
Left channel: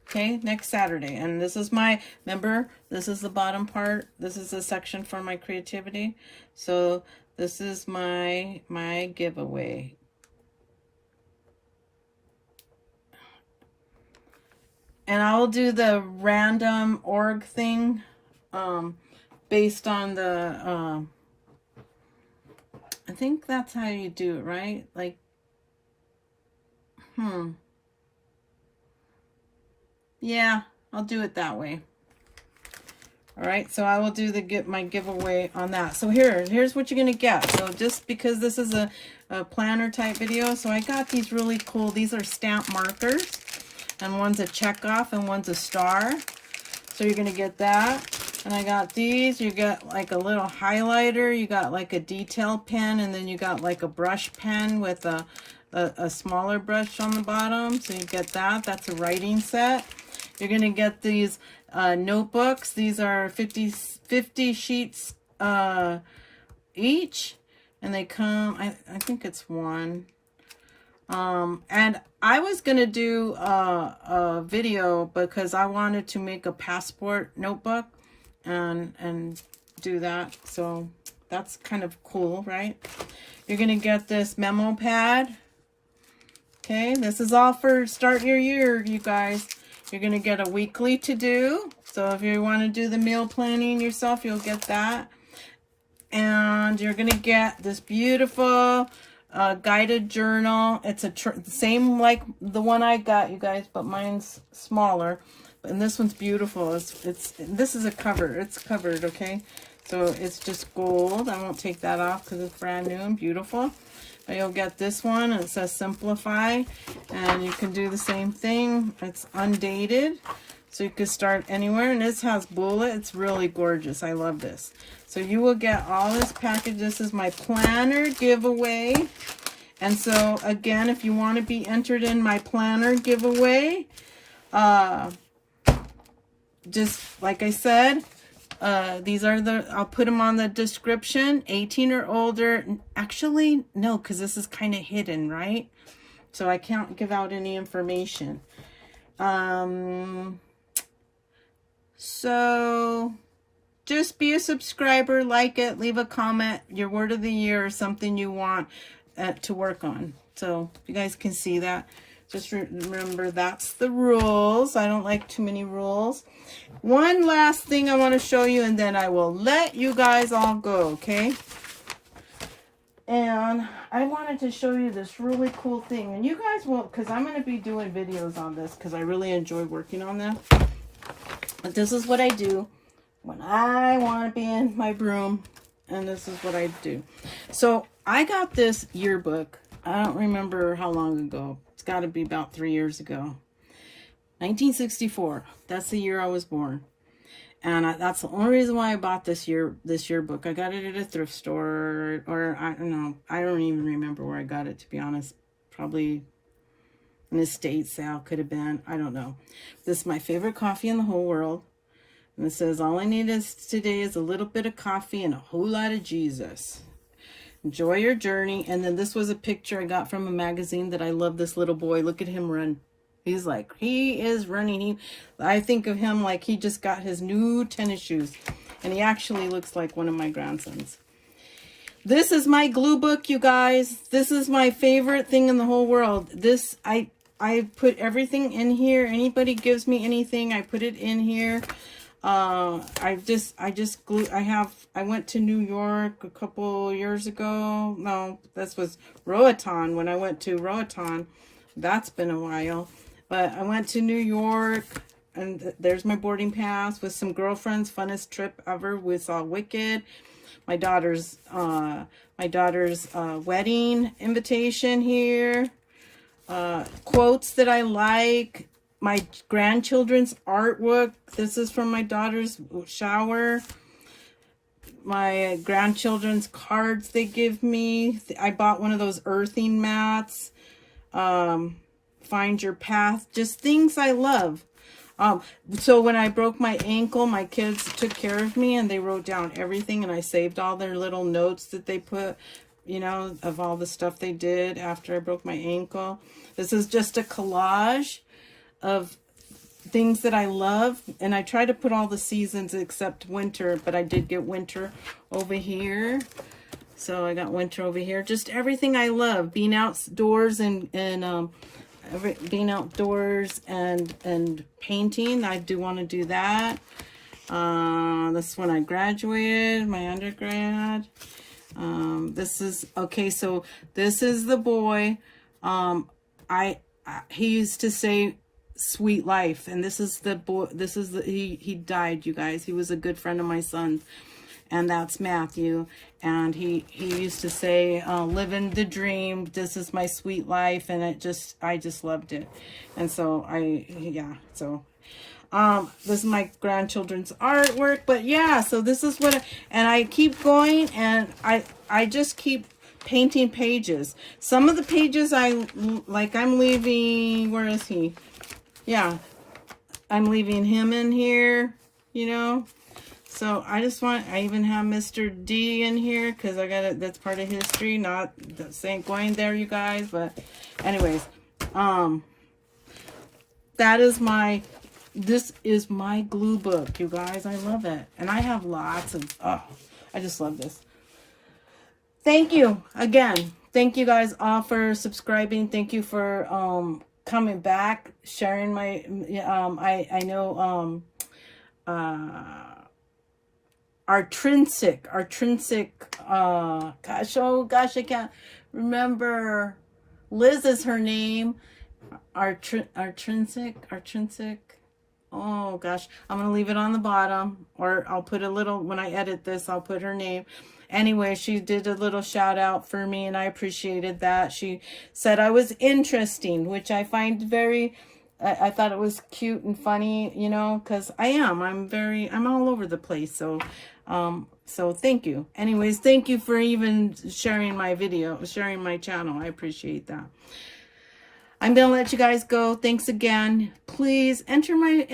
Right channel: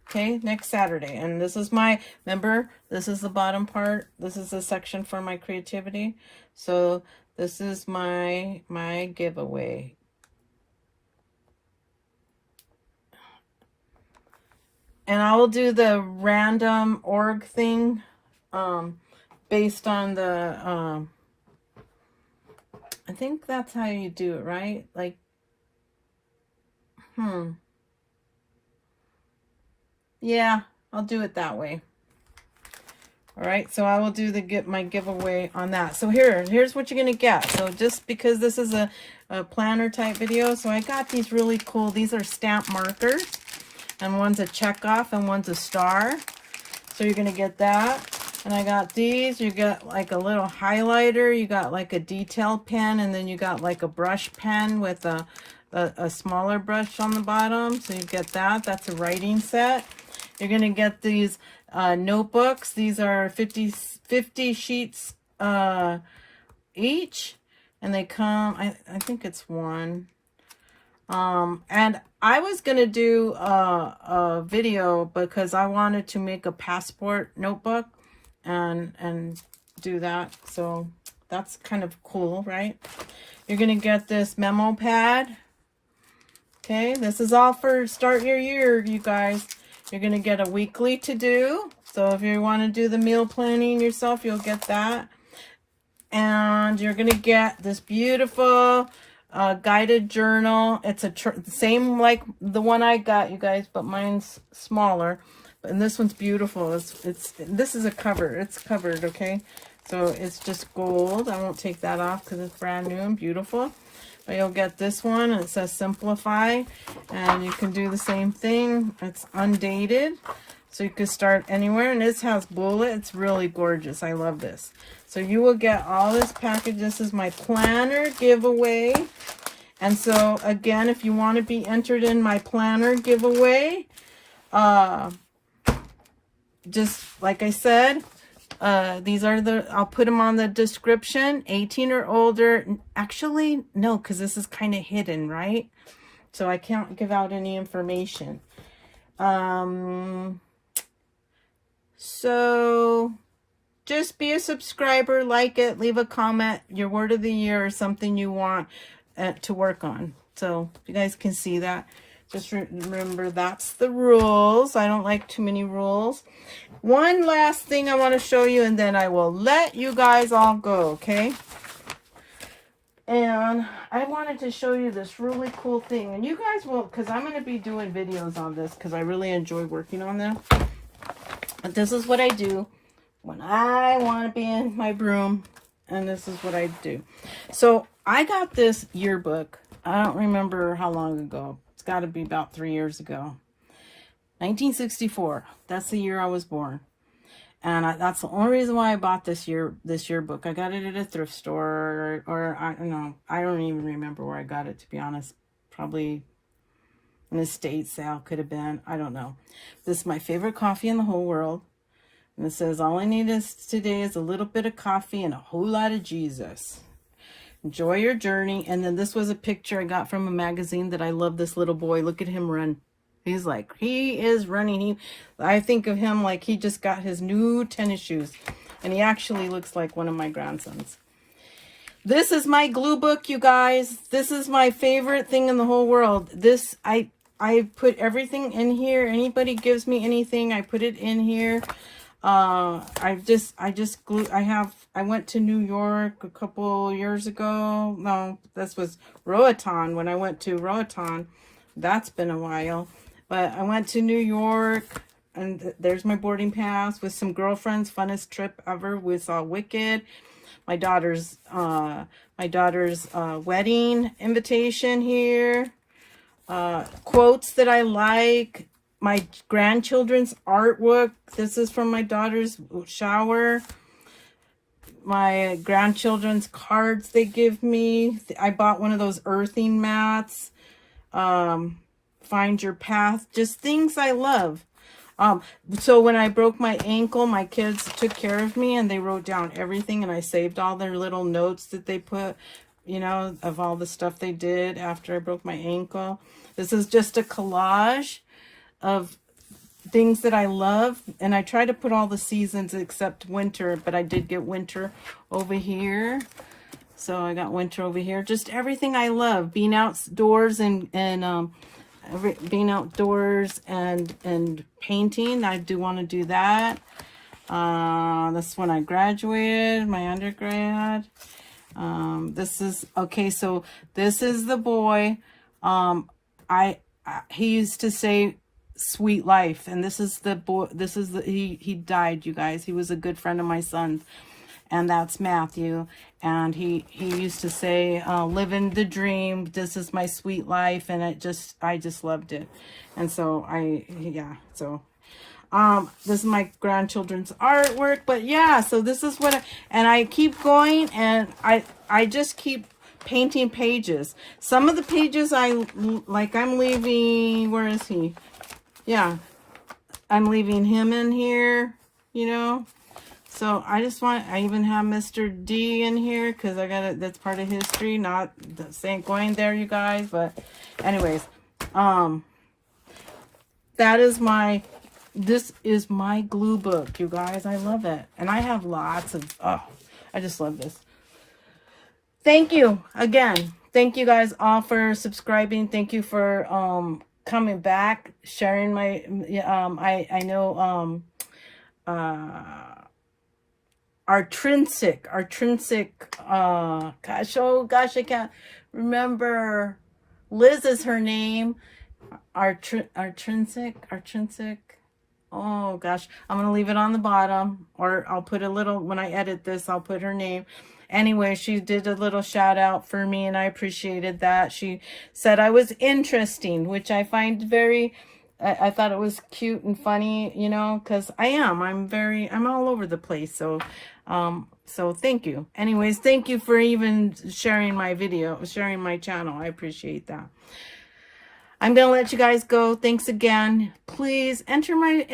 Okay, next Saturday. And this is my, remember, this is the bottom part. This is the section for my creativity. So this is my giveaway. And I will do the random org thing based on the, I think that's how you do it, right? Like, yeah, I'll do it that way. All right, so I will do my giveaway on that. So here's what you're gonna get. So just because this is a planner type video, so I got these really cool, these are stamp markers, and one's a check off and one's a star. So you're gonna get that. And I got these. You get like a little highlighter, you got like a detail pen, and then you got like a brush pen with a smaller brush on the bottom. So you get that. That's a writing set. You're going to get these notebooks. These are 50 sheets each. And they come, I think it's one. And I was going to do a video because I wanted to make a passport notebook and do that. So that's kind of cool, right? You're going to get this memo pad. Okay, this is all for start your year, you guys. You're going to get a weekly to do. So if you want to do the meal planning yourself, you'll get that. And you're going to get this beautiful guided journal. It's same like the one I got, you guys, but mine's smaller. And this one's beautiful. This is a cover. It's covered, okay? So it's just gold. I won't take that off because it's brand new and beautiful. But you'll get this one. It says Simplify. And you can do the same thing. It's undated. So you can start anywhere. And this has bullet. It's really gorgeous. I love this. So you will get all this package. This is my planner giveaway. And so, again, if you want to be entered in my planner giveaway, just like I said, these are I'll put them on the description, 18 or older. Actually, no, because this is kind of hidden, right? So I can't give out any information. So just be a subscriber, like it, leave a comment, your word of the year or something you want to work on. So you guys can see that. Just remember, that's the rules. I don't like too many rules. One last thing I want to show you, and then I will let you guys all go, okay? And I wanted to show you this really cool thing. And you guys will, because I'm going to be doing videos on this because I really enjoy working on them. But this is what I do when I want to be in my room. And this is what I do. So I got this yearbook. I don't remember how long ago. It's got to be about 3 years ago. 1964. That's the year I was born. And that's the only reason why I bought this yearbook. I got it at a thrift store, or I don't know. I don't even remember where I got it, to be honest. Probably an estate sale, could have been. I don't know. This is my favorite coffee in the whole world. And it says, all I need today is a little bit of coffee and a whole lot of Jesus. Enjoy your journey. And then this was a picture I got from a magazine that I love. This little boy. Look at him run. He's like, he is running. I think of him like he just got his new tennis shoes. And he actually looks like one of my grandsons. This is my glue book, you guys. This is my favorite thing in the whole world. This, I put everything in here. Anybody gives me anything, I put it in here. I went to New York a couple years ago. No, this was Roatan. When I went to Roatan, that's been a while. But I went to New York, and there's my boarding pass with some girlfriends. Funnest trip ever. We saw Wicked. My daughter's wedding invitation here. Quotes that I like. My grandchildren's artwork. This is from my daughter's shower. My grandchildren's cards they give me. I bought one of those earthing mats. Find your path. Just things I love. So when I broke my ankle, my kids took care of me and they wrote down everything, and I saved all their little notes that they put, you know, of all the stuff they did after I broke my ankle. This is just a collage of things that I love, and I try to put all the seasons except winter, but I did get winter over here. So I got winter over here. Just everything I love, being outdoors and being outdoors and painting. I do want to do that. This when I graduated, my undergrad. This is okay. So this is the boy. He used to say "Sweet Life," and this is the boy. This is the he died, you guys. He was a good friend of my son's. And that's Matthew. And he used to say, living the dream, this is my sweet life. And I just loved it. And so this is my grandchildren's artwork. But yeah, so this is what, and I keep going, and I just keep painting pages. Some of the pages I'm leaving, where is he? Yeah, I'm leaving him in here, you know. So I even have Mr. D in here because I got it. That's part of history. Not saying going there, you guys. But anyways, this is my glue book, you guys. I love it. And I have lots of, I just love this. Thank you again. Thank you guys all for subscribing. Thank you for coming back, sharing my, I know, our Trinsic Oh gosh, I can't remember. Liz is her name. Artrinsic. Oh gosh, I'm gonna leave it on the bottom, or I'll put a little, when I edit this, I'll put her name. Anyway, she did a little shout out for me, and I appreciated that. She said I was interesting, which I find very, I thought it was cute and funny, you know, because I'm all over the place. So, so thank you. Anyways, thank you for even sharing my video, sharing my channel. I appreciate that. I'm gonna let you guys go. Thanks again. Please enter my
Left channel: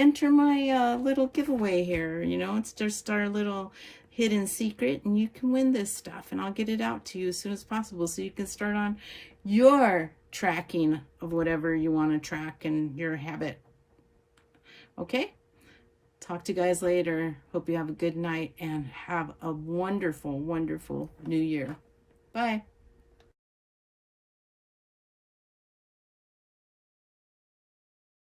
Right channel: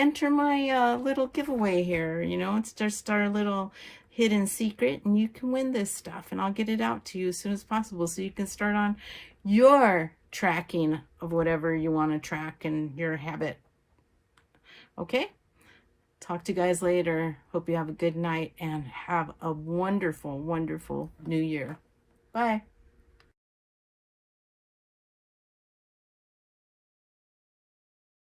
little giveaway here. You know, it's just our little hidden secret, and you can win this stuff, and I'll get it out to you as soon as possible so you can start on your tracking of whatever you want to track in your habit. Okay? Talk to you guys later. Hope you have a good night and have a wonderful, wonderful new year. Bye.